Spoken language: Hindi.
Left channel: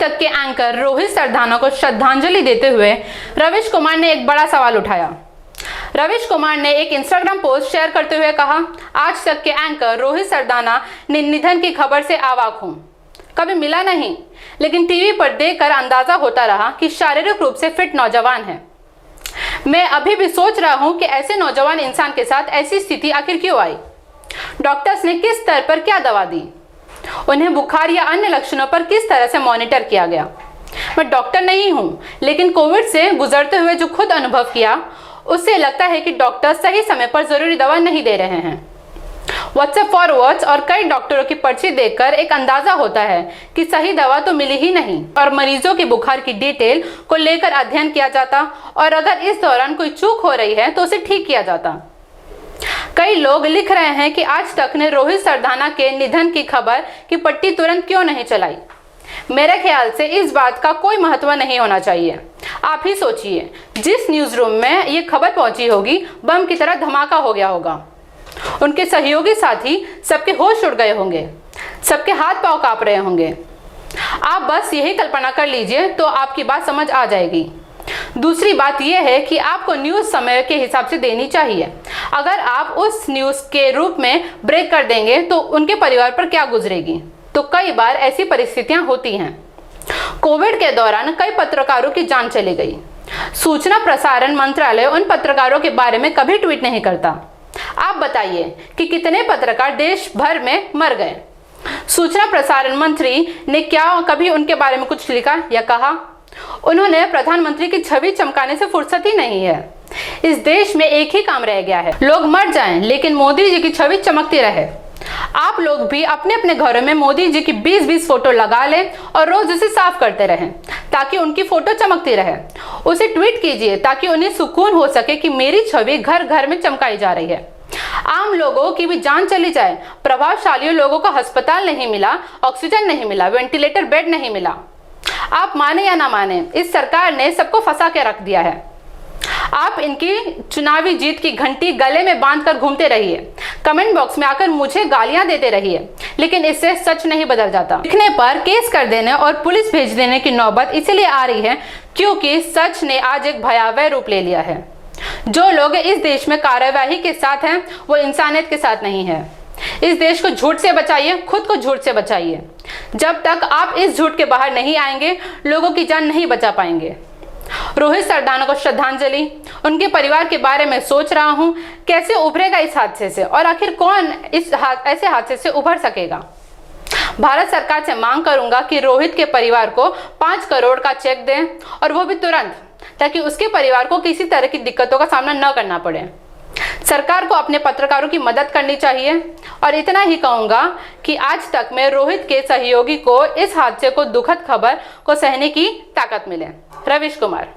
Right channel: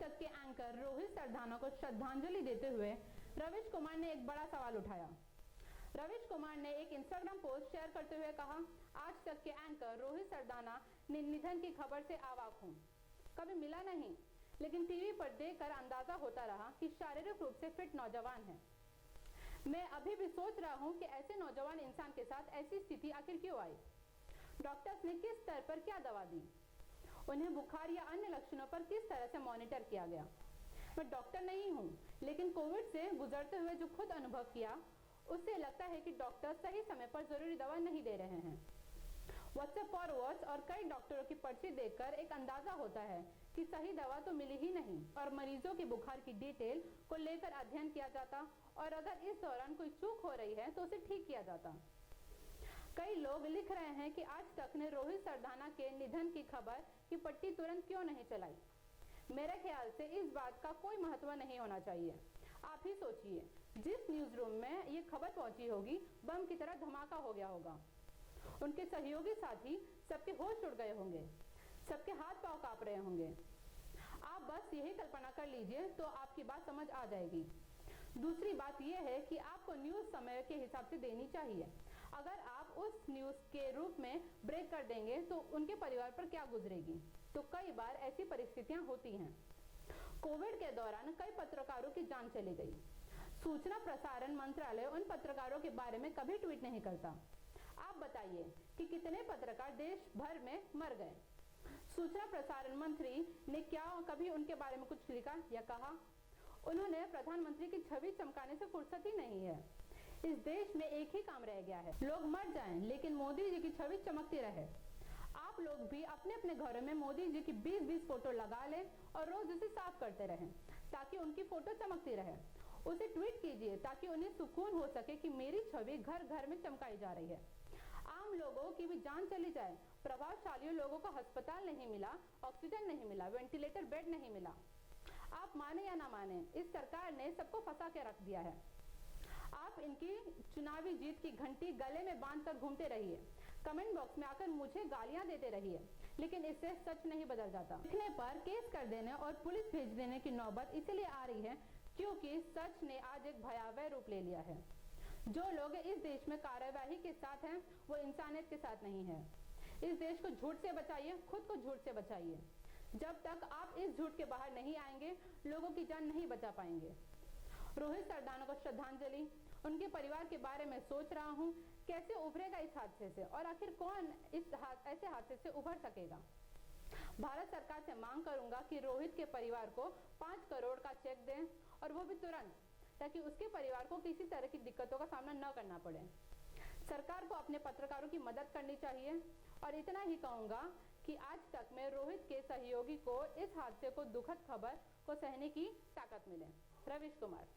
तक के एंकर रोहित सरदाना को श्रद्धांजलि देते हुए रवीश कुमार ने एक बड़ा सवाल उठाया। रवीश कुमार ने एक इंस्टाग्राम पोस्ट शेयर करते हुए कहा, आज तक के एंकर रोहित सरदाना ने निधन की खबर से अवाक हूं। कभी मिला नहीं, लेकिन टीवी पर देखकर अंदाजा होता रहा कि शारीरिक रूप से फिट नौजवान है। मैं अभी भी सोच रहा हूं कि ऐसे नौजवान इंसान के साथ ऐसी स्थिति आखिर क्यों आई। डॉक्टर्स ने किस स्तर पर क्या दवा दी, उन्हें बुखार या अन्य लक्षणों पर किस तरह से मॉनिटर किया गया। मैं डॉक्टर नहीं हूं, लेकिन कोविड से गुजरते हुए जो खुद अनुभव किया, उससे लगता है कि डॉक्टर सही समय पर जरूरी दवा नहीं दे रहे हैं। व्हाट्सएप फॉरवर्ड्स और कई डॉक्टरों की पर्ची देखकर एक अंदाजा होता है कि सही दवा तो मिली ही नहीं, और मरीजों की बुखार की डिटेल को लेकर अध्ययन किया जाता और अगर इस दौरान कोई चूक हो रही है तो उसे ठीक किया जाता। कई लोग लिख रहे हैं कि आज तक ने रोहित सरदाना के निधन की खबर की पट्टी तुरंत क्यों नहीं चलाई। मेरे ख्याल से इस बात का कोई महत्व नहीं होना चाहिए। आप ही सोचिए, जिस न्यूज रूम में ये खबर पहुंची होगी, बम की तरह धमाका हो गया होगा। उनके सहयोगी साथी सबके होश उड़ गए होंगे, सबके हाथ पांव कांप रहे होंगे। आप बस यही कल्पना कर लीजिए तो आपकी बात समझ आ जाएगी। दूसरी बात यह है कि आपको न्यूज समय के हिसाब से देनी चाहिए। अगर आप उस न्यूज के रूप में ब्रेक कर देंगे तो उनके परिवार पर क्या गुजरेगी। तो कई बार ऐसी परिस्थितियां होती हैं। कोविड के दौरान कई पत्रकारों की जान चली गई। सूचना प्रसारण मंत्रालय उन पत्रकारों के बारे में कभी ट्वीट नहीं करता। आप बताइए कि कितने पत्रकार देश भर में मर गए। सूचना प्रसारण मंत्री ने क्या कभी उनके बारे में कुछ लिखा या कहा। उन्होंने प्रधानमंत्री की छवि चमकाने से फुर्सत ही नहीं है। इस देश में एक ही काम रह गया है, लोग मर जाएं लेकिन मोदी जी की छवि चमकती रहे। आप लोग भी अपने अपने घरों में मोदी जी की 20-20 फोटो लगा लें और रोज उसे साफ करते रहें ताकि उनकी फोटो चमकती रहे। उसे ट्वीट कीजिए ताकि उन्हें सुकून हो सके कि मेरी छवि घर घर में चमकाई जा रही है। आम लोगों की भी जान चली जाए, प्रभावशाली लोगों को अस्पताल नहीं मिला, ऑक्सीजन नहीं मिला, वेंटिलेटर बेड नहीं मिला। आप माने या ना माने, इस सरकार ने सबको फंसा के रख दिया है। आप इनकी चुनावी जीत की घंटी गले में बांधकर घूमते रहिए, कमेंट बॉक्स में आकर मुझे गालियां देते रहिए, लेकिन इससे सच नहीं बदल जाता। लिखने पर केस कर देने और पुलिस भेज देने की नौबत इसीलिए आ रही है क्योंकि सच ने आज एक भयावह रूप ले लिया है। जो लोग इस देश में कार्यवाही के साथ हैं, वो इंसानियत के साथ नहीं है। इस देश को झूठ से बचाइए, खुद को झूठ से बचाइए। जब तक आप इस झूठ के बाहर नहीं आएंगे, लोगों की जान नहीं बचा पाएंगे। रोहित सरदाना को श्रद्धांजलि। उनके परिवार के बारे में सोच रहा हूं, कैसे उभरेगा इस हादसे से और आखिर कौन ऐसे हादसे से उभर सकेगा। भारत सरकार से मांग करूंगा कि रोहित के परिवार को 5 करोड़ का चेक दें और वो भी तुरंत, ताकि उसके परिवार को किसी तरह की दिक्कतों का सामना न करना पड़े। सरकार को अपने पत्रकारों की मदद करनी चाहिए। और इतना ही कहूंगा कि आज तक मैं रोहित के सहयोगी को इस हादसे को दुखद खबर को सहने की ताकत मिले। रवीश कुमार।